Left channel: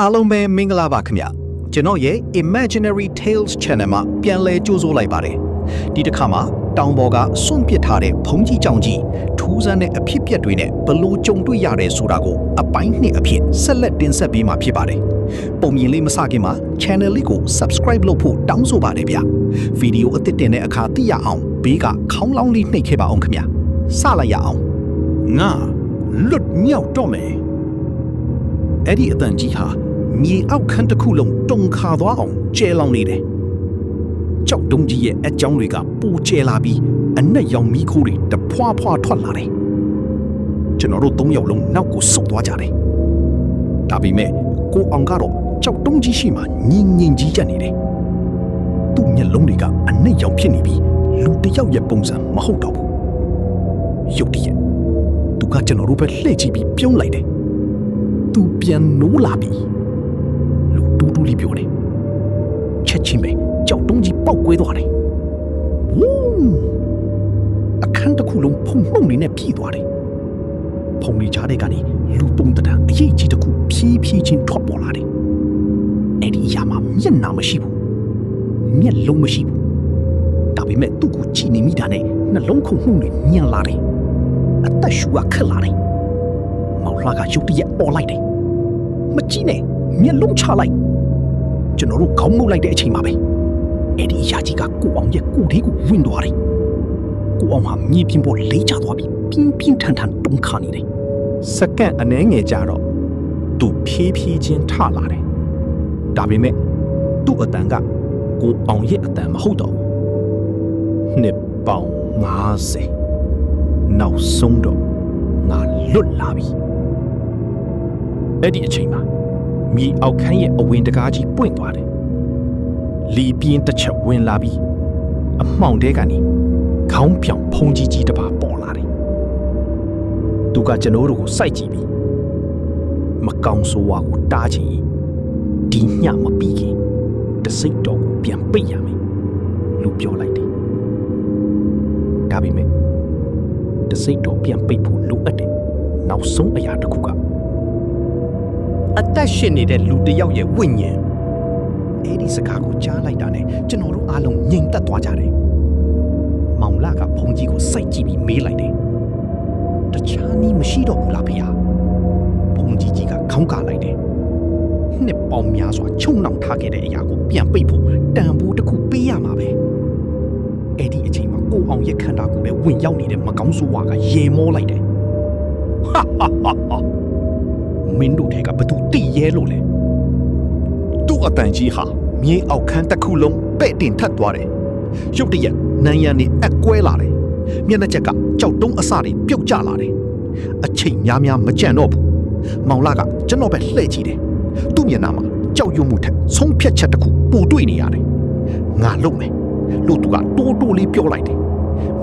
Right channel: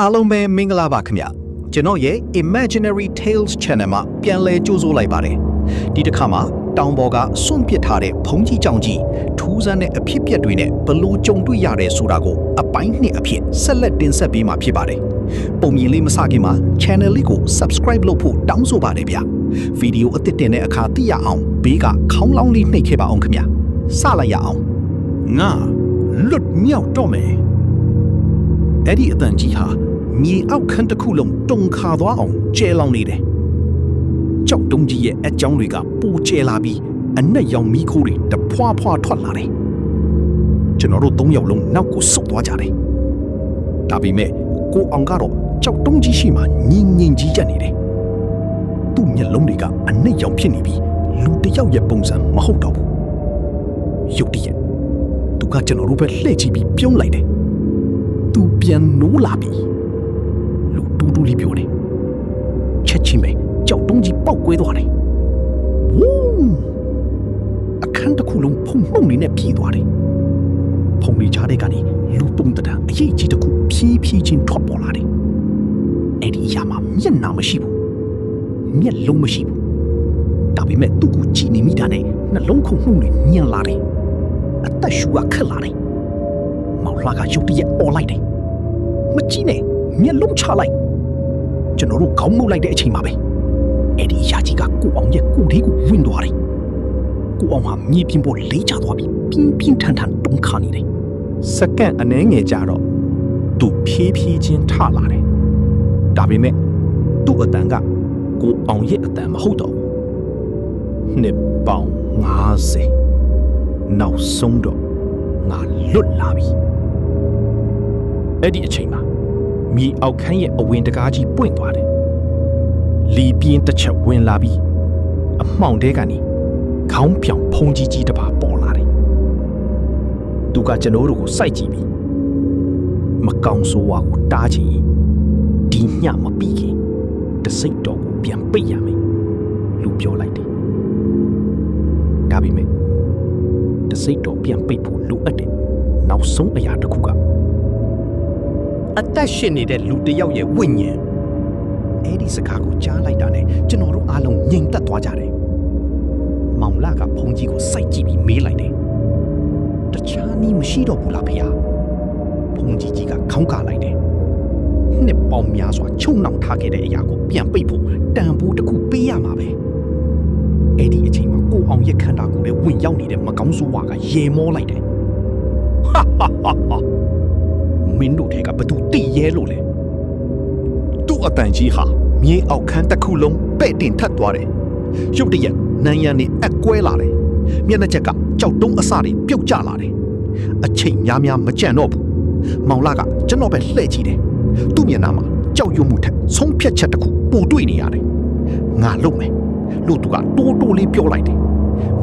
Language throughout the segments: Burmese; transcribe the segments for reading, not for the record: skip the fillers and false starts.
အားလုံးပဲမင်္ဂလာပါခင်ဗျကျွန်တော်ရဲ့ Imaginary Tales Channel မှာပြန်လည်ကြိုဆိုလိုက်ပါတယ်ဒီတစ်ခါမှာတောင်ပေါ်ကစွန့်ပစ်ထားတဲ့ဘုံကြီးကြောင်ကြီးထူးဆန်းတဲ့အဖြစ်ပြက်တွေနဲ့ဘလို့ကြုံတွေ့ရတယ်ဆိုတာကိုအပိုင်းနှစ်အဖြစ်ဆက်လက်တင်ဆက်ပေးမှာဖြစ်ပါတယ်ပုံမြင်လေးမစခင်မှာ channel လေးကို subscribe လုပ်ဖို့တောင်းဆိုပါတယ်ဗျဗီဒီယိုအသစ်တင်တဲ့အခါသိရအောင်ဘေးကခေါင်းလောင်းလေးနှိပ်ခဲ့ပါအောင်ခင်ဗျစလိုက်ရအောင်ငါလွတ်မြောက်တော့မယ်အဲ့ဒီအတန်ကြီးဟာမြေအောက်ခန်းတစ်ခုလုံးတုန်ခါသွားအောင်ကျဲလောင်နေတယ်။ကြောက်တုံးကြီးရဲ့အကြောင်းတွေကပိုကျဲလာပြီးအနက်ရောင်မီးခိုးတွေတဖွာဖွာထွက်လာတယ်။ကျွန်တော်တို့၃ယောက်လုံးနောက်ကိုဆုတ်သွားကြတယ်။ဒါပေမဲ့ကိုအောင်ကတော့ကြောက်တုံးကြီးရှိမှငြင်းကြီးကြက်နေတယ်။သူ့မျက်လုံးတွေကအနက်ရောင်ဖြစ်နေပြီးလူတစ်ယောက်ရဲ့ပုံစံမဟုတ်တော့ဘူး။ရုတ်တရက်သူကကျွန်တော်တို့ပဲလှည့်ကြည့်ပြီးပြုံးလိုက်တယ်။သူပြန်နိုးလာပြီလူတူတူလေးပြောတယ်ချက်ချင်းပဲကြောက်တုံးကြီးပေါက်ကွဲသွားတယ်ဝူးအခန်းတစ်ခုလုံးဖုံမှုန်နေနဲ့ပြည်သွားတယ်ဖုံလေးချတဲ့ကနေလူပုံတံအရေးကြီးတစ်ခုဖြည်းဖြည်းချင်းထွက်ပေါ်လာတယ်အဲ့ဒီအရာမှာမျက်နှာမရှိဘူးမျက်လုံးမရှိဘူးဒါပေမဲ့သူ့ကိုကြည့်နေမိတာနဲ့နှလုံးခုန်မှုန်တွေညံလာတယ်အသက်ရှူကခက်လာတယ်မောင်လှကရုတ်တရက်អော်လိုက်တယ်မကြည့်နဲ့မျက်လုံးချလိုက်ကျွန်တော်တို့ခေါင်းမုတ်လိုက်တဲ့အချိန်မှာပဲအဲ့ဒီအရာကြီးကကိုအောင်ရဲ့ကိုယ်လေးကိုဝင်သွားတယ်ကိုအောင်ဟာမြေပြင်ပေါ်လေးချသွားပြီးပြင်းပြင်းထန်ထန်တုန်ခါနေတယ်စက္ကန့်အနည်းငယ်ကြာတော့သူဖြည်းဖြည်းချင်းထလာတယ်ဒါပေမဲ့သူ့အတန်ကကိုအောင်ရဲ့အတန်မဟုတ်တော့ဘူးနှစ်ပေါင်50နောက်ဆုံးတော့ငါလွတ်လာပြီအဲ့ဒီအချိန်မှာမြေအောက်ခန်းရဲ့အဝင်တကားကြီးပွင့်သွားတယ်။လီပြင်းတစ်ချက်ဝင်လာပြီးအမှောင်တဲကနေခေါင်းပြောင်ဖုံးကြီးတစ်ပါးပေါ်လာတယ်။သူကကျွန်တော်တို့ကိုစိုက်ကြည့်ပြီးမကောင်းဆိုးဝါကိုတားချင်ဒီညမပြီးခင်တစိတ်တော်ကိုပြန်ပိတ်ရမယ်လူပြောလိုက်တယ်။ဒါပေမဲ့တစိတ်တော်ပြန်ပိတ်ဖို့လိုအပ်တယ်။နောက်ဆုံးအရာတစ်ခုကအသက်ရှင်နေတဲ့လူတစ်ယောက်ရဲ့ဝိညာဉ်အဲ့ဒီစကားကိုကြားလိုက်တာနဲ့ကျွန်တော်တို့အားလုံးငြိမ်သက်သွားကြတယ်။မောင်လာကဘုံကြီးကိုစိုက်ကြည့်ပြီးမေးလိုက်တယ်။တခြားနည်းမရှိတော့ဘူးလားဖေဟာ။ဘုံကြီးကခေါင်းကလိုက်တယ်။နှစ်ပေါင်းများစွာချုံနှောင်ထားခဲ့တဲ့အရာကိုပြန်ပိတ်ဖို့တန်ဖိုးတစ်ခုပေးရမှာပဲ။အဲ့ဒီအချိန်မှာကိုအောင်ရဲ့ခန္ဓာကိုယ်ထဲဝင်ရောက်နေတဲ့မကောင်းဆိုးဝါကရေမောလိုက်တယ်။ဟာဟာဟာဟာမင်းတို့ထဲကဘသူတိရဲလို့လဲသူ့အတန်ကြီးဟာမြေအောက်ခန်းတစ်ခုလုံးပဲ့တင်ထပ်သွားတယ်ရုတ်တရက်နန်းရံနေအကွဲလာတယ်မျက်နှာချက်ကကြောက်တုံးအစတွေပြုတ်ကျလာတယ်အချိန်များများမကြံတော့ဘူးမောင်လာကကျွန်တော်ပဲလှည့်ကြည့်တယ်သူ့မျက်နှာမှာကြောက်ရွံ့မှုထက်ဆုံးဖြတ်ချက်တစ်ခုပိုတွေ့နေရတယ်ငါလုံမယ်လို့သူကတိုးတိုးလေးပြောလိုက်တယ်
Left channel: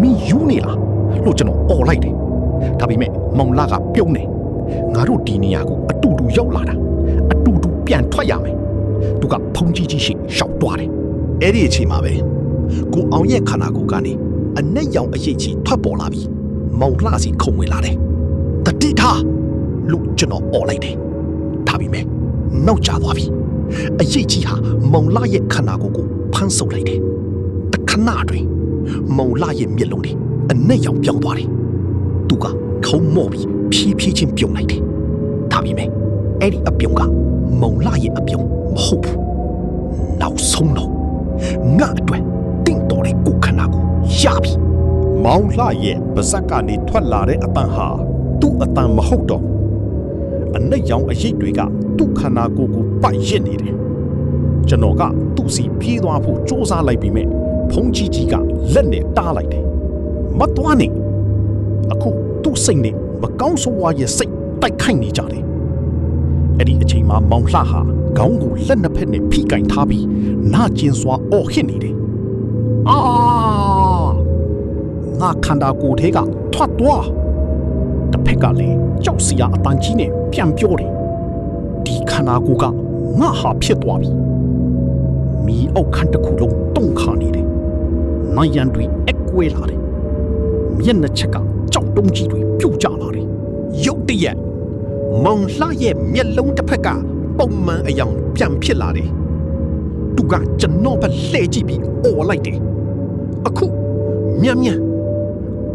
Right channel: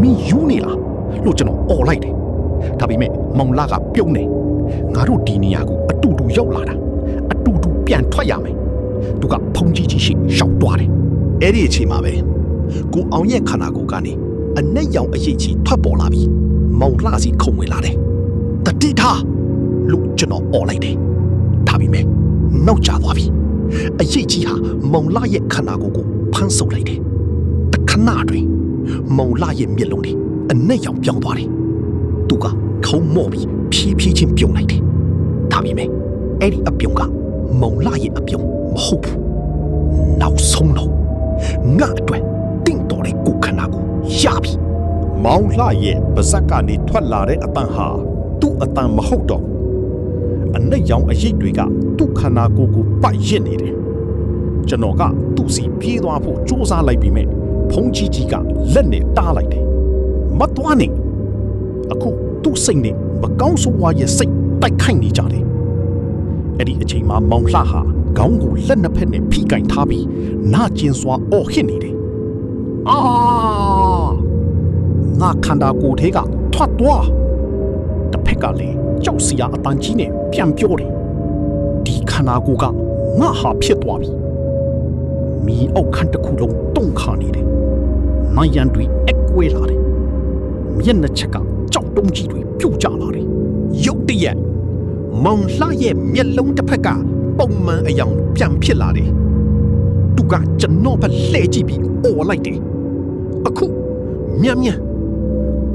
မင်းယူနေလားလို့ကျွန်တော်អော်လိုက်တယ်ဒါပေမဲ့မောင်လာကပြုံးတယ်ငါတို့ဒီနေရာကိုအတူတူရောက်လာတာအတူတူပြန်ထွက်ရမယ်သူကဖုံးကြီးရှိရှောက်သွားတယ်အဲ့ဒီအချိန်မှာပဲကိုအောင်ရဲ့ခန္ဓာကိုယ်ကနေအနက်ရောင်အရေးကြီးထွက်ပေါ်လာပြီးမောင်လှစီခုံဝင်လာတယ်တတိထားလို့ကျွန်တော်អော်လိုက်တယ်ဒါပေမဲ့နောက်ကျသွားပြီအရေးကြီးဟာမောင်လှရဲ့ခန္ဓာကိုယ်ကိုဖမ်းဆုပ်လိုက်တယ်တခဏတွင်မောင်လှရဲ့မျက်လုံးတွေအနက်ရောင်ပြောင်းသွားတယ်သူကခုံမော့ပြီးဖြည်းဖြည်းချင်းပြုံလိုက်တယ်ဒါပေမဲ့အဲ့ဒီအပြုံကမုံလာရဲ့အပြုံမဟုတ်ဘူးနောက်ဆုံးတော့ငါအတွက်တင့်တော်တဲ့ကိုခန္ဓာကိုရပြီမောင်လှရဲ့ပါဇက်ကနေထွက်လာတဲ့အတန်ဟာသူ့အတန်မဟုတ်တော့အနက်ရောင်အရိပ်တွေကသူ့ခန္ဓာကိုယ်ကိုပတ်ရစ်နေတယ်ကျွန်တော်ကသူ့စီပြေးသွားဖို့စူးစမ်းလိုက်ပြီးမြဲဖုံးကြီးကလက်နဲ့တားလိုက်တယ်မသွားနဲ့အခုသူ့စိတ်နဲ့မကောင်းဆိုးဝါးရဲ့စိတ်တိုက်ခိုက်နေကြတယ်အဲ့ဒီအချိန်မှာမောင်လှဟာခေါင်းကိုလက်နှစ်ဖက်နဲ့ဖိကင်ထားပြီးနာကျင်စွာအော်ဟစ်နေတယ်အာငါခန္ဓာကိုယ်ထဲကထွက်သွားတစ်ဖက်ကလည်းကြောက်စရာအတန်ကြီးနဲ့ပြန်ပြောတယ်ဒီခန္ဓာကိုယ်ကငါဟာဖြစ်သွားပြီမီးအောက်ခန်းတစ်ခုလုံးတုံခါနေတယ်နိုင်ရန်တွေအကွဲလာတယ်မျက်နှာချက်ကကြောက်တုံးကြီးတွေပြုတ်ကျလာတယ်ရုတ်တရက်မောင်လှရဲ့မျက်လုံးတစ်ဖက်က ပုံမှန်အယောင်ပြန်ဖြစ်လာတယ်သူကကျွန်တော်ဘက်လှည့်ကြည့်ပြီးအော်လိုက်တယ်အခုမြန်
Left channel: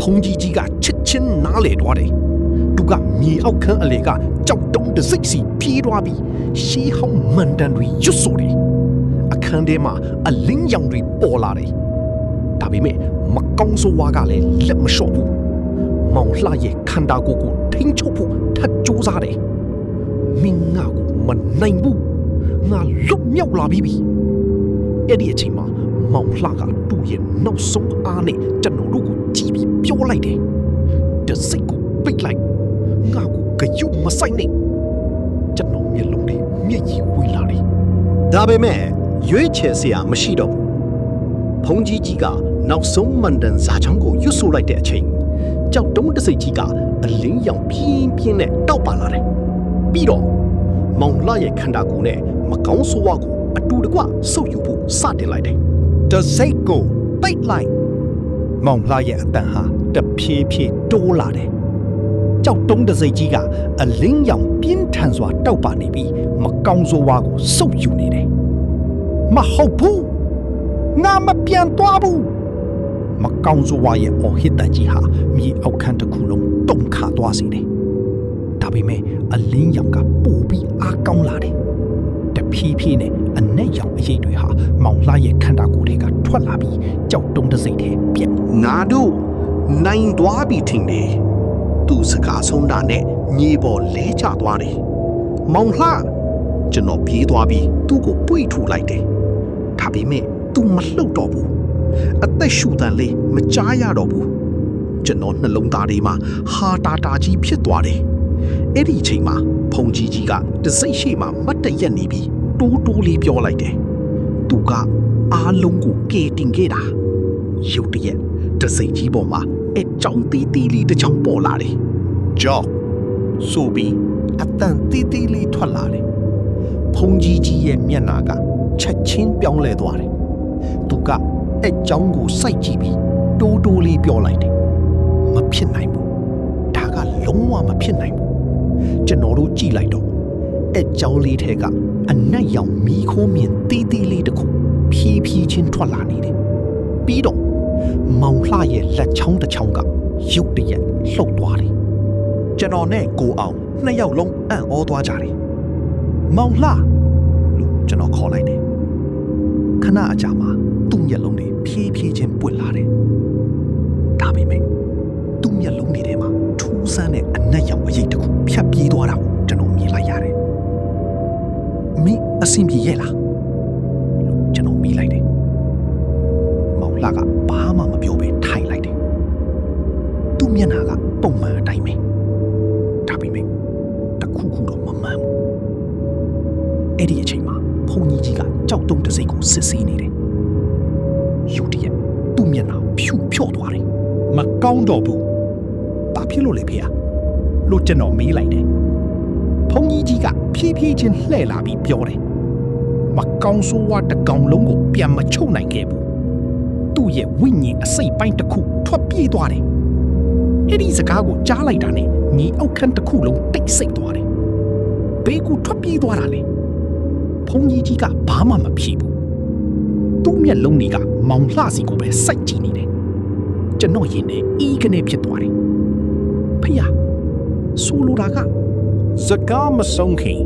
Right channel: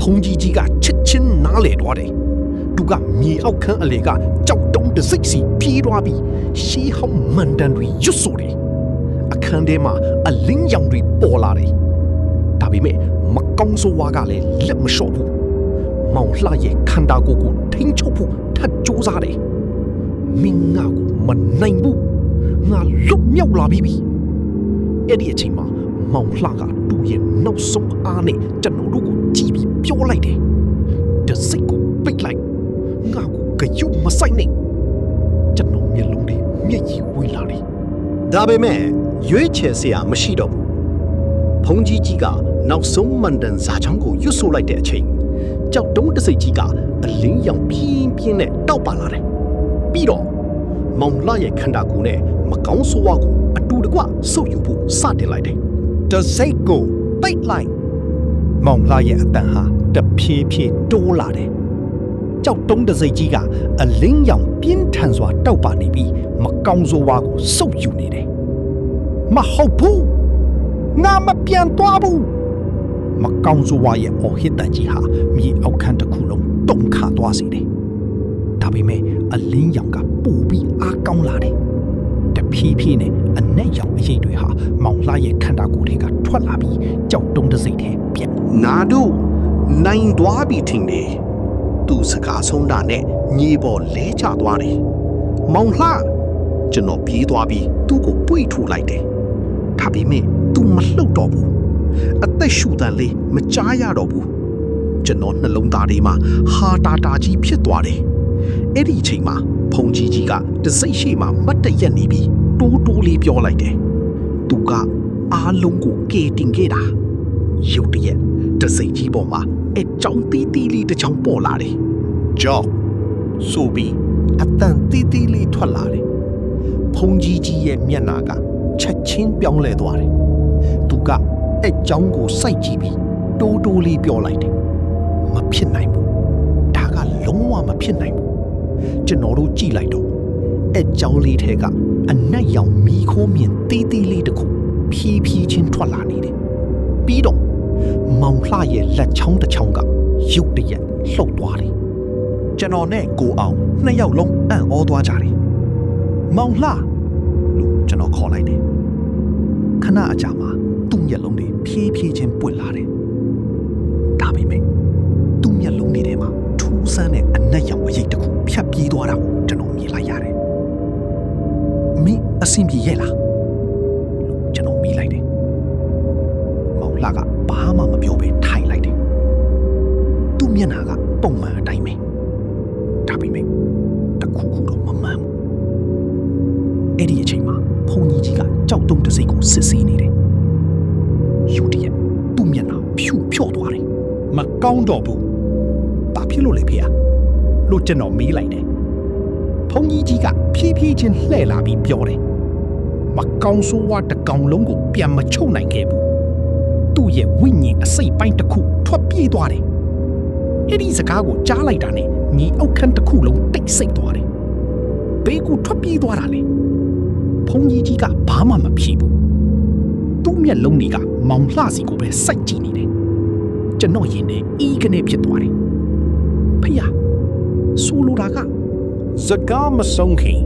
ဖုန်ကြီးကချစ်ချင်းနားလေသွားတယ်သူကမြေအောက်ခန်းအလေကကြောက်တုံးတစ်စိတ်စီပြေးသွားပြီးရှေးဟောင်းမန်တန်တွေရွတ်ဆိုတယ်အခန်းထဲမှာအလင်းရောင်တွေပေါ်လာတယ်ဒါပေမဲ့မကောင်းဆိုးဝါးကလည်းလက်မလျှော့ဘူးမောင်လှရဲ့ခန္ဓာကိုယ်ကိုထိန်းချုပ်ဖို့ထပ်ကြိုးစားတယ်မင်းငါကိုမနိုင်ဘူးငါလွတ်မြောက်လာပြီအဲ့ဒီအချိန်မှာမောင်လှကသူ့ရဲ့နောက်ဆုံးအားနဲ့ကျွန်တော်တို့ကိုကြည့်ပြီးပြောလိုက်တယ်တစိတ်ကိုပိတ်လိုက်ငါကိုကြွမဆိုင်နဲ့ကျွန်တော်မျက်လုံးတွေမျက်ရည်ဝင်လာတယ်ဒါပေမဲ့ရွေးချယ်စရာမရှိတော့ဘူးဖုန်ကြီးကနောက်ဆုံးမန်တန်ဇာချောင်းကိုရွတ်ဆိုလိုက်တဲ့အချိန်ကြောက်တုံးတစိတ်ကြီးကအလင်းရောင်ပြင်းနဲ့တောက်ပါလာတယ်ပြီးတော့မောင်လှရဲ့ခန္ဓာကိုယ်နဲ့မကောင်းဆိုးဝါးကိုအတူတကွဆုပ်ယူဖို့စတင်လိုက်တယ်တစိတ်ကိုပိတ်လိုက်မောင်လှရဲ့အတန်ဟာတဖြည်းဖြည်းတိုးလာတယ်ကြောက်တုံးတစိတ်ကြီးကအလင်းရောင်ပြင်းထန်စွာတောက်ပါနေပြီးမကောင်းဆိုးဝါးကိုဆုပ်ယူနေတယ်မဟုတ်ဘူးငါမပြန်သွားဘူးမကောင်းဆိုးဝါးရဲ့အော်ဟစ်တန်ကြီးဟာမြေအောက်ခန်းတစ်ခုလုံးတုန်ခါသွားစေတယ်ဒါပေမဲ့အလင်းရောင်ကပိုပြီးအားကောင်းလာတယ်တဖြည်းဖြည်းနဲ့အနက်ရောင်အရိပ်တွေဟာမောင်လှရဲ့ခန္ဓာကိုယ်ထဲကထွက်လာပြီးကြောက်တုံးတစိတ်ထဲပြက်ငါတို့နိုင်သွားပြီထင်တယ်သူစကားဆုံးတာနဲ့ညီပေါ်လဲချသွားတယ်မောင်လှကျွန်တော်ပြေးသွားပြီးသူ့ကိုပွေ့ထူလိုက်တယ်ဒါပေမဲ့သူမလှုပ်တော့ဘူးအသက်ရှူတန်လေးမကြားရတော့ဘူးကျွန်တော်နှလုံးသားထဲမှာဟာတာကြီးဖြစ်သွားတယ်အဲ့ဒီအချိန်မှာဖုန်ကြီးကတစိတ်ရှိမှမတ်တရက်နေပြီးတိုးလေးပြောလိုက်တယ်သူကအားလုံးကိုကယ်တင်ခဲ့တာရုတ်တရက်တစိတ်ကြီးပေါ်မှာအကြောင်းတီးလေးတစ်ချောင်းပေါ်လာတယ်ကြောက်ဆိုပြီးအတန်တီးလေးထွက်လာတယ်ဖုန်ကြီးရဲ့မျက်နှာကချက်ချင်းပြောင်းလဲသွားတယ်သူကအကြောင်းကိုစိုက်ကြည့်ပြီးတိုးလေးပြောလိုက်တယ်မဖြစ်နိုင်ဘူးဒါကလုံးဝမဖြစ်နိုင်ဘူးကျွန်တော်တို့ကြည့်လိုက်တော့အကြောင်းလေးထဲကအနက်ရောင်မီးခိုးမြင်တီးလေးတစ်ခုဖြည်းဖြည်းချင်းထွက်လာနေတယ်ပြီးတော့မောင်လှရဲ့လက်ချောင်းတစ်ချောင်းကရုတ်တရက်လှုပ်သွားတယ်ကျွန်တော်နဲ့ကိုအောင်နှစ်ယောက်လုံးအံ့ဩသွားကြတယ်မောင်လှလို့ကျွန်တော်ခေါ်လိုက်တယ်ခဏအကြာမှာသူ့မျက်လုံးတွေဖြည်းဖြည်းချင်းပွင့်လာတယ်ဒါပေမဲ့သူ့မျက်လုံးတွေထဲမှာထူးဆန်းတဲ့အနက်ရောင်အရိပ်တစ်ခုဖြတ်ပြေးသွားတာကိုကျွန်တော်မြင်လိုက်ရတယ်မင်းအဆင်ပြေရဲ့လားလို့ကျွန်တော်မေးလိုက်တယ်မောင်လှကဘာမှမပြောဘဲထိုင်လိုက်တယ်သူ့မျက်နှာကပုံမှန်အတိုင်းပဲဒါပေမဲ့တခုခုတော့မမှန်ဘူးအဲ့ဒီအချိန်မှာဖုန်ကြီးကကြောက်တုံးတစိတ်ကိုစစ်ဆေးနေတယ်ယူတရက်သူ့မျက်နှာဖြူဖြော့သွားတယ်မကောင်းတော့ဘူးဘာဖြစ်လို့လဲဖေ။လို့ကျွန်တော်မေးလိုက်တယ်ဖုန်ကြီးကဖြည်းဖြည်းချင်းလှည့်လာပြီးပြောတယ်မကောင်းဆိုးဝါးတစ်ကောင်လုံးကိုပြန်မချုပ်နိုင်ခဲ့ဘူးသူ့ရဲ့ဝိညာဉ်အစိတ်ပိုင်းတစ်ခုထွက်ပြေးသွားတယ်အဲ့ဒီစကားကိုကြားလိုက်တာနဲ့ညီအောက်ခန်းတစ်ခုလုံးတိတ်ဆိတ်သွားတယ်ဘေးကူထွက်ပြေးသွားတာလေဖုန်ကြီးကဘာမှမဖြေဘူးသူ့မျက်လုံးတွေကမောင်လှစီကိုပဲစိုက်ကြည့်နေတယ်ကျွန်တော်ရင်ထဲအီးကနေဖြစ်သွားတယ်ဖေ။ဆိုလိုတာကစကားမဆုံးခင်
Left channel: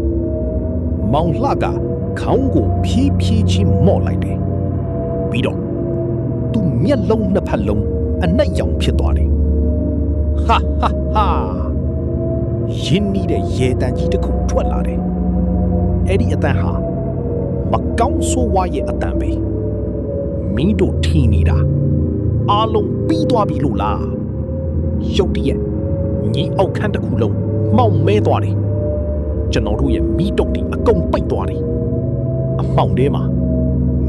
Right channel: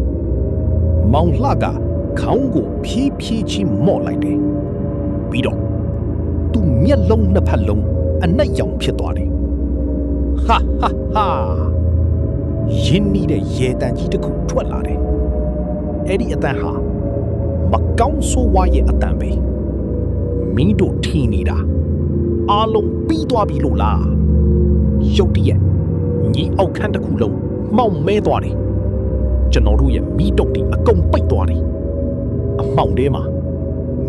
မောင်လှကခေါင်းကိုဖြည်းဖြည်းချင်းမော့လိုက်တယ်ပြီးတော့သူ့မျက်လုံးနှစ်ဖက်လုံးအနက်ရောင်ဖြစ်သွားတယ်ဟာရင်းနှီးတဲ့ရေတံကြီးတစ်ခုထွက်လာတယ်အဲ့ဒီအတန်ဟာမကောင်းဆိုးဝါးရဲ့အတန်ပဲမင်းတို့ထင်နေတာအားလုံးပြီးသွားပြီလို့လားရုတ်တရက်ညီအောက်ခန်းတစ်ခုလုံးမှောင်မဲသွားတယ်ကျွန်တော်တို့ရဲ့မီးတုပ်တွေအကုန်ပိတ်သွားတယ်အမှောင်ထဲမှာ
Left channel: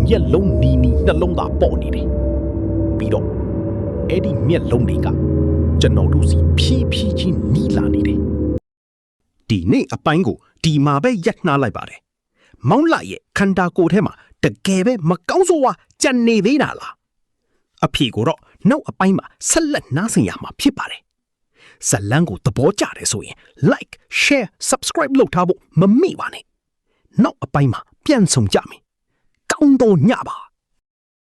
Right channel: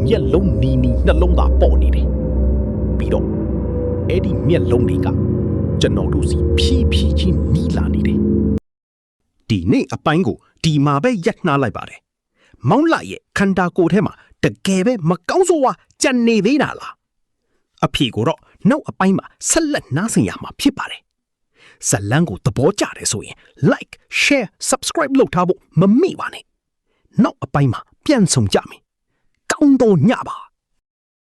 မျက်လုံးနီနှလုံးသားပေါ်နေတယ်ပြီးတော့အဲ့ဒီမျက်လုံးတွေကကျွန်တော်တို့စီဖြည်းဖြည်းချင်းနီးလာနေတယ်ဒီနေ့အပိုင်းကိုဒီမှာပဲရပ်နှားလိုက်ပါတယ်မောင်လှရဲ့ခန္ဓာကိုယ်ထဲမှာတကယ်ပဲမကောင်းဆိုးဝါးကြံနေသေးတာလားအဖြေကိုတော့နောက်အပိုင်းမှာဆက်လက်နားဆင်ရမှာဖြစ်ပါတယ်ဇလန်းကိုသဘောကျတယ်ဆိုရင် like share subscribe လုပ်ထားဖို့မမေ့ပါနဲ့ နောက်အပိုင်းမှာပြန်ဆောင်ကြမယ်ကောင်းတော့ညပါ